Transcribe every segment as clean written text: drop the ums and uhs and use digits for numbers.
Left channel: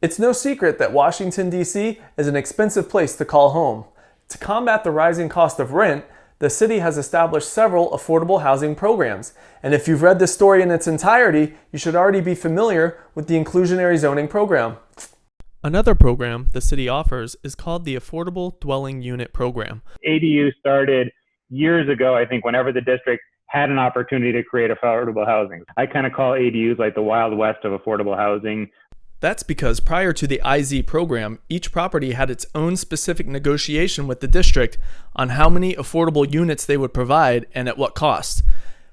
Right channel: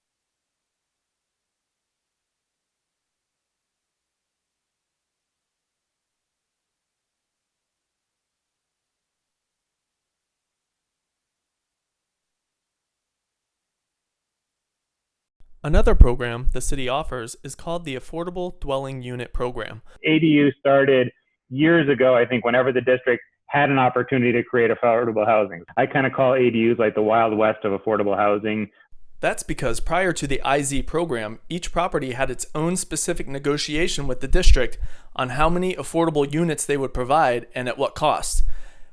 It's no secret that Washington, D.C. is an expensive place to call home. To combat the rising cost of rent, the city has established several affordable housing programs. And if you've read this story in its entirety, you should already be familiar with the inclusionary zoning program. Another program the city offers is called the Affordable Dwelling Unit Program. ADU started years ago, I think, whenever the district had an opportunity to create affordable housing. I kind of call ADUs like the Wild West of affordable housing. That's because prior to the IZ program, each property had its own specific negotiation with the district on how many affordable units they would provide and at what cost,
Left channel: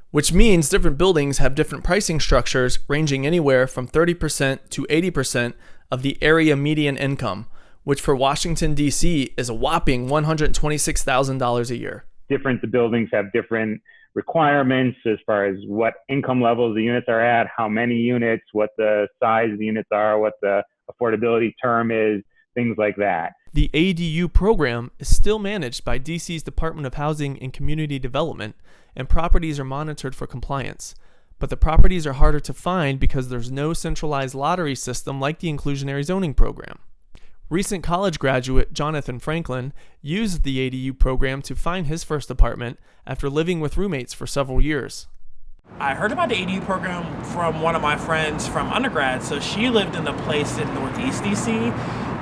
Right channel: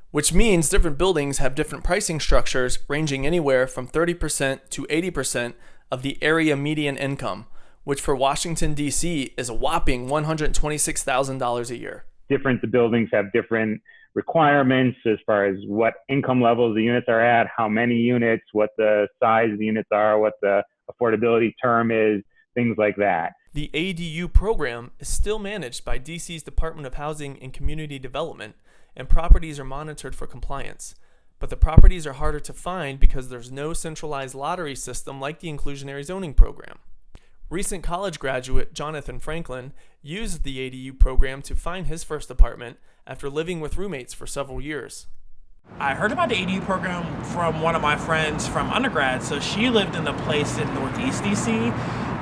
which means different buildings have different pricing structures ranging anywhere from 30% to 80% of the area median income, which for Washington, D.C. is a whopping $126,000 a year. Different buildings have different requirements as far as what income levels the units are at, how many units, what the size of the units are, what the affordability term is, things like that. The ADU program is still managed by DC's Department of Housing and Community Development, and properties are monitored for compliance. But the properties are harder to find because there's no centralized lottery system like the inclusionary zoning program. Recent college graduate Jonathan Franklin used the ADU program to find his first apartment after living with roommates for several years. I heard about the ADU program from one of my friends from undergrad. So she lived in a place in Northeast DC,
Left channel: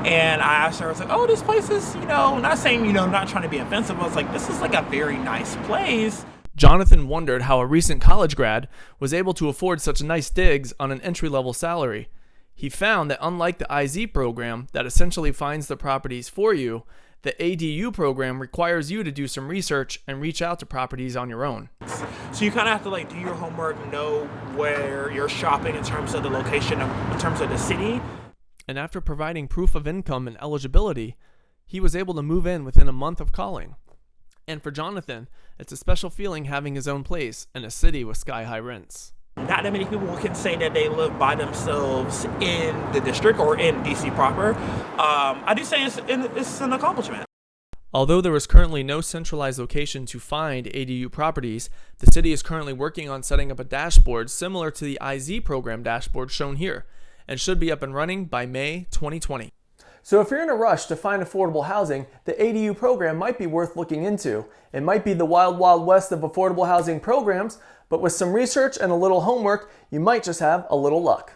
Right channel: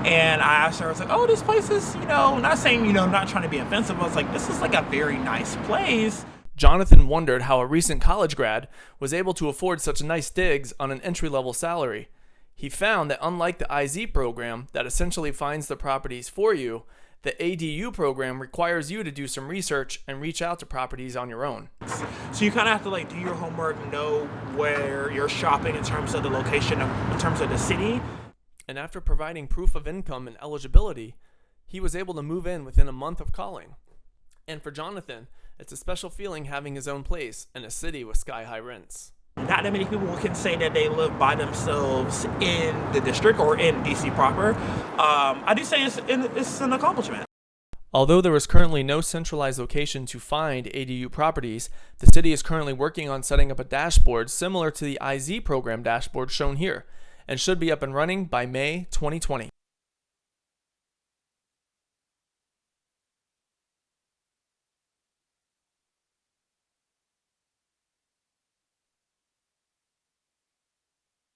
and I asked her, I was like, oh, this place is, not saying, not trying to be offensive, but I was like, this is like a very nice place. Jonathan wondered how a recent college grad was able to afford such nice digs on an entry-level salary. He found that unlike the IZ program that essentially finds the properties for you, the ADU program requires you to do some research and reach out to properties on your own. So you kind of have to do your homework, know where you're shopping in terms of the location, in terms of the city. And after providing proof of income and eligibility, he was able to move in within a month of calling. And for Jonathan, it's a special feeling having his own place in a city with sky-high rents. Not that many people can say that they live by themselves in the district or in DC proper. I do say it's an accomplishment. Although there is currently no centralized location to find ADU properties, the city is currently working on setting up a dashboard similar to the IZ program dashboard shown here, and should be up and running by May 2020. So if you're in a rush to find affordable housing, the ADU program might be worth looking into. It might be the wild, wild west of affordable housing programs, but with some research and a little homework, you might just have a little luck.